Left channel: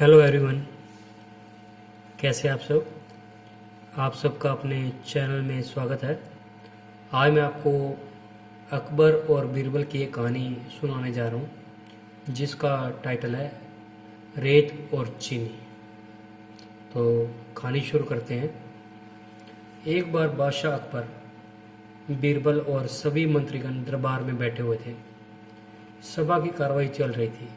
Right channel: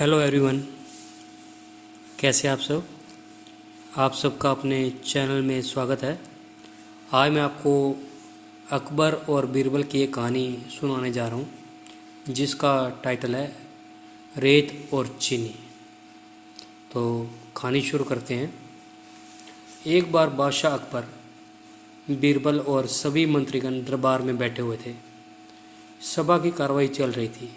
Hello everyone, कैसे हैं आप सब। आप सबका अपने चैनल में स्वागत है। आज मैं आपको अकबर और बीरबल की एक कहानी सुनाने जा रहा हूँ जिसका टाइटल है रेत और चीनी। तो कहानी शुरू करते हैं। एक बार बादशाह अकबर, बीरबल और सभी मंत्रीगण दरबार में बैठे हुए थे। सभा की कार्रवाई चल रही थी।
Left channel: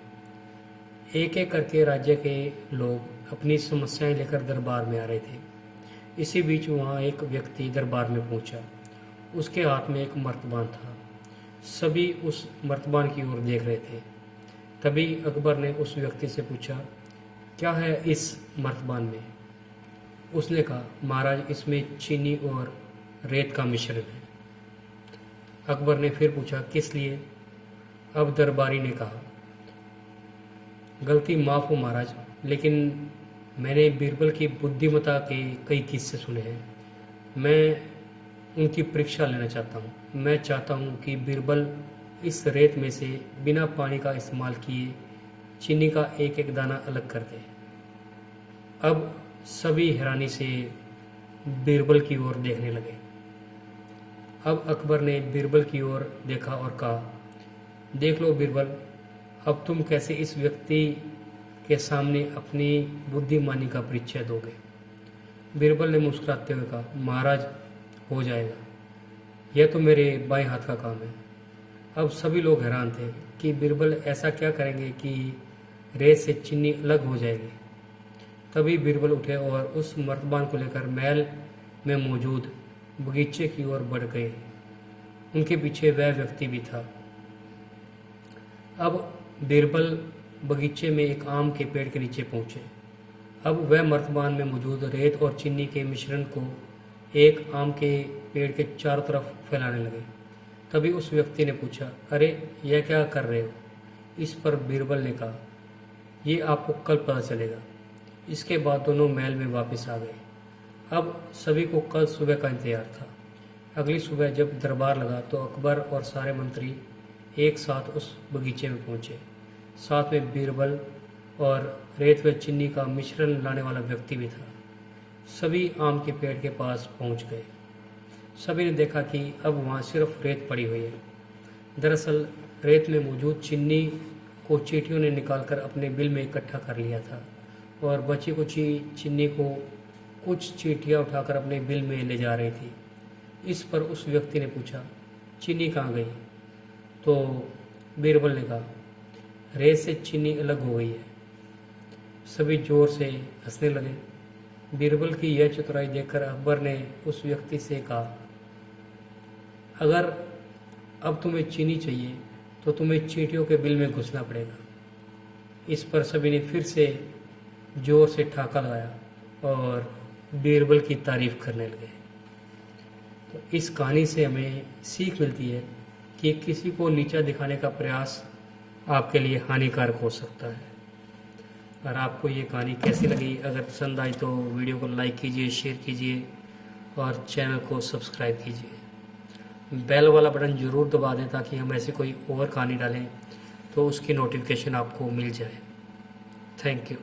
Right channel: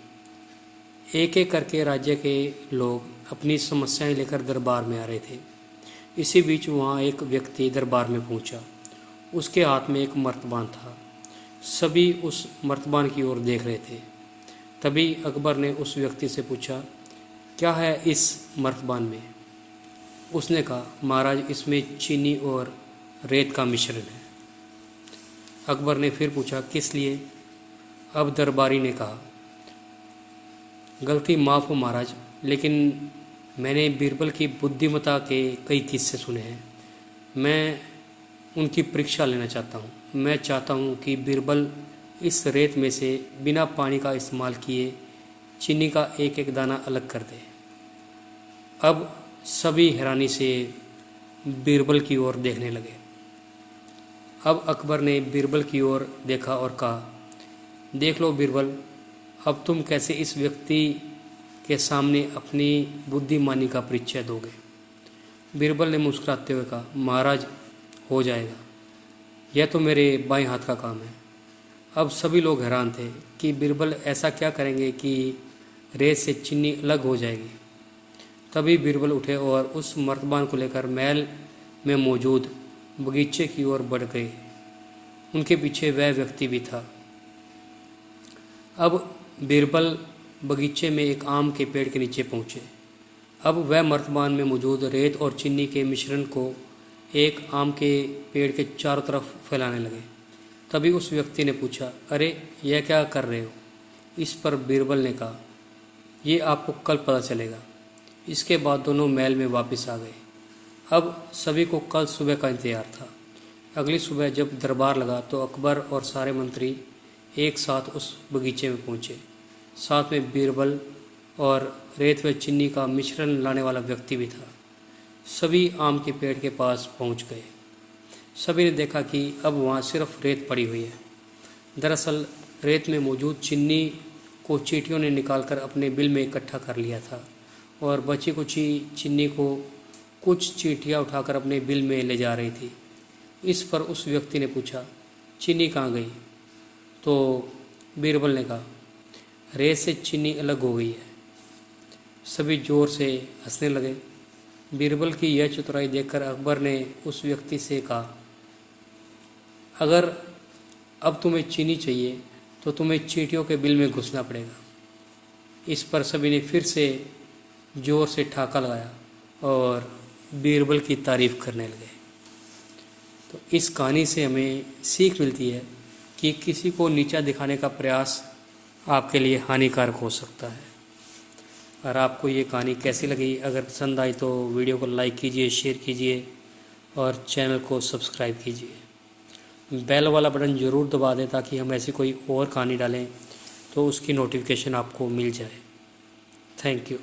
एक एक करके राज्य के लोग अपनी समस्याएं लेकर दरबार में आ रहे थे। इसी बीच वहाँ एक व्यक्ति दरबार में पहुंचा। उसके हाथ में एक मर्तबान था। सभी उस मर्तबान की ओर देख रहे थे। तभी अकबर ने उस व्यक्ति से पूछा, क्या है इस मर्तबान में। उसने कहा, महाराज, इसमें चीनी और रेत का मिश्रण है। अकबर ने फिर पूछा, किस लिए। अब दरबारी ने कहा, गलती माफ़ हो महाराज, लेकिन मैंने बीरबल की बुद्धिमत्ता के कई किस्से सुने हैं। मैं उनकी परीक्षा लेना चाहता हूँ। मैं चाहता हूँ कि बीरबल इस रेत में से बिना पानी का इस्तेमाल किए चीनी का एक एक दाना अलग कर दे। अब सभी हैरानी से बीरबल की ओर देखने लगे। अब अकबर ने बीरबल की ओर देखा और कहा, देख लो बीरबल, अब तुम कैसे इस व्यक्ति के सामने अपनी बुद्धिमानी का परिचय दोगे। बीरबल ने मुस्कुराते हुए कहा, महाराज, हो जाएगा। यह तो मेरे बाएं हाथ का काम है। अब सभी लोग हैरान थे कि बीरबल ऐसा क्या करेंगे कि रेत से चीनी अलग हो जाएगी। तभी बीरबल उठे और उस मर्तबान को लेकर महल में मौजूद बगीचे की ओर बढ़ गए। उनके पीछे वह व्यक्ति भी था। अब बीरबल बगीचे में एक आम के पेड़ के नीचे पहुँचे। अब वह मर्तबान में मौजूद रेत और चीनी के मिश्रण को एक आम के पेड़ के चारों तरफ फैलाने लगे। तभी उस व्यक्ति ने पूछा, अरे यह क्या कर रहे हो। इस पर बीरबल ने कहा, ये आपको कल पता चलेगा। इसके बाद दोनों महल में वापस आ गए। अब सभी को कल सुबह का इंतजार था। अगली सुबह जब दरबार लगा तो अकबर और सारे मंत्री एक साथ उस बगीचे में पहुँचे। साथ में बीरबल और रेत व चीनी का मिश्रण लाने वाला व्यक्ति भी था। सभी आम के पेड़ के पास पहुंच गए। सभी ने देखा कि अब वहां सिर्फ रेत पड़ी हुई है। दरअसल रेत में मौजूद चीनी को चींटियों ने निकालकर अपने बिल में इकट्ठा कर लिया था और बची कुची चीनी को कुछ चींटियां उठाकर अपने बिल में ले जा रही थी। इस पर उस व्यक्ति ने पूछा, चीनी कहाँ गई। तो बीरबल ने कहा, रेत से चीनी अलग हो गई है। सभी जोर से हंसने लगे। बीरबल की यह चतुराई देखकर अकबर ने उस व्यक्ति से कहा, अगर अब तुम्हें चीनी चाहिए तो तुम्हें चींटियों के बिल में घुसना पड़ेगा। इस पर सभी ने फिर से जोर से ठहाका लगाया और बीरबल की तारीफ करने लगे। तो इस कहानी से हमें सीख मिलती है कि किसी को नीचा दिखाने का प्रयास आपके लिए हानिकारक हो सकता है। अगर आपको ये कहानी कैसी लगी, अगर पसंद आई तो वीडियो को लाइक कीजिए, शेयर कीजिए और चैनल को सब्सक्राइब कीजिए। बेल वाला बटन ज़रूर दबा दें ताकि हम ऐसी कोई और कहानी डालें तो उसकी नोटिफिकेशन आपको मिल जाए। Thank you.